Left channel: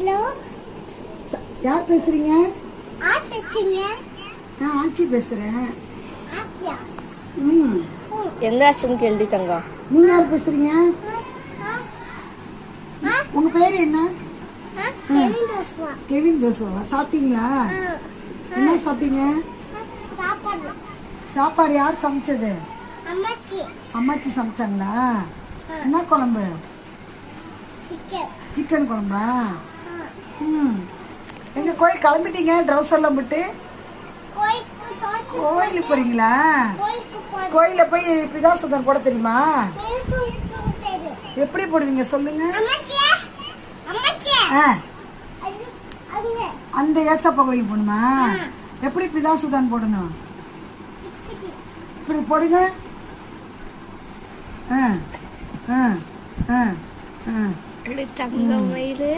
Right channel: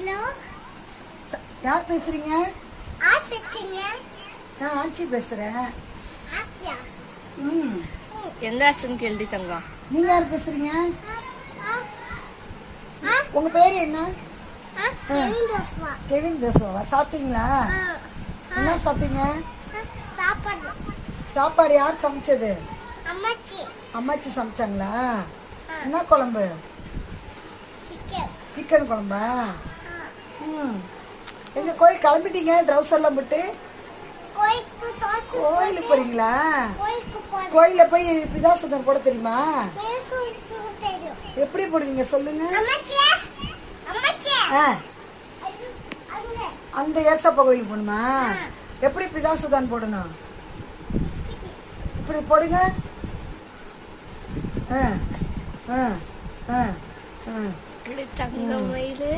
Hello, யார் பேசுறீங்க? யார் பேசுறீங்க? நான் ஆச்சி பேசுறேன். ஆச்சியா? எங்க ஆச்சுன்னு கேள்வி தங்கம். நீங்க யார் பேசுறீங்க? உங்க பேரு என்ன? கெவின் ஜோஸ்வா. கெவின் ஜோசுவா. சாப்பிட்டீங்களா? என்ன சாப்பிட்டீங்க? சாப்பாடு. சாப்பாடு யார் சமைச்சது? அம்மாச்சி. அம்மாச்சி சமைச்சாங்களா? என்ன குழம்பு? சிக்கன். சிக்கன் குழம்பா? எங்க கோயில் கிளம்பிட்டீங்க? ட்ரெஸ் எல்லாம் போட்டு கோயிலுக்கு கோயிலுக்கு போறீங்களா? போய் கோயில போய் பிதாசுதன் போட தெரியுமா? பேசுறது தெரியும். எப்படி போடுவீங்க சொல்லுங்க? அம்மாச்சி, அம்மாச்சி. ஆ, அங்க அந்த ஏசப்பா கோயில் போகணுமா? எப்படி பிதாசுதான் போடணும்? இப்படி போடுங்க. ஆ ஆ ஆ ஆ தங்கம் மயிலு